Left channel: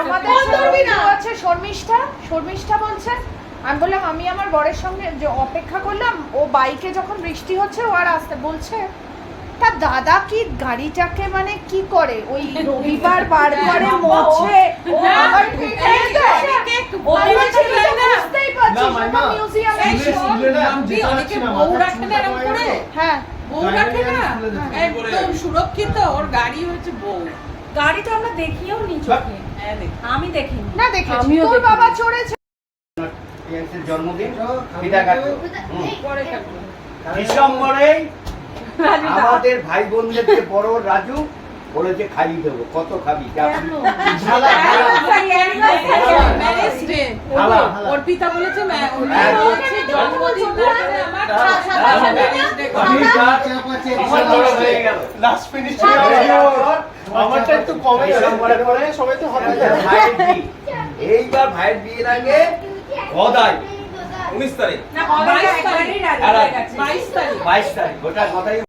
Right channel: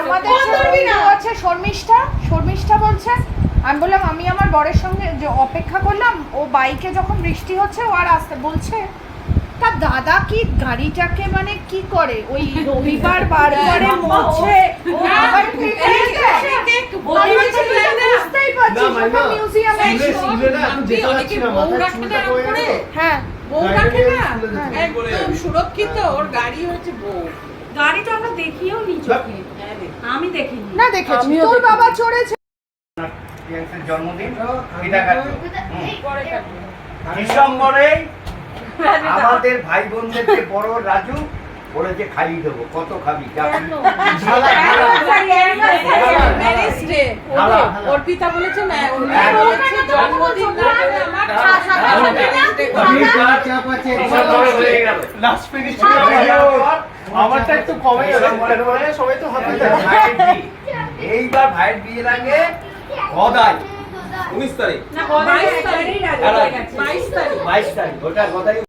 আমাদের আছে শর্মিষ্ঠা বলছে, আমি বললাম আমি আমার বরের সঙ্গে যে অপেক্ষা করলাম, ও বাইকে যখন বৃষ্টি হচ্ছে ও আর আসতে বলছে, তা দাদা কি গাড়িটাকে মানে কি করে ওই রবিবার বার করে মোছে বুঝতেই পারছি মিউজিয়ামে হ্যাঁ বউ রাখে না, একদম সুরক্ষিত। ওর গাড়ি হচ্ছে বউ। গাড়ি তো আমরা দেখিও নি চোখে, আমি দেখিনি না দেখেছি তোর বাবা চড়েছে। জন্মদিন ডিসেম্বরে আমাদের ভাই বোনদেরকে বড় রাজু বলেছে খাইয়ে দেবো, কত খাবি? অর্পিতা বলেছে না, জন্মদিন আমারটা একটু কমে সবাই তো হাতে এইবার ভাইয়ের বিয়ের আগে গদাই 19 তারিখ 22 তারিখ 22 তারিখ ওটার কথাই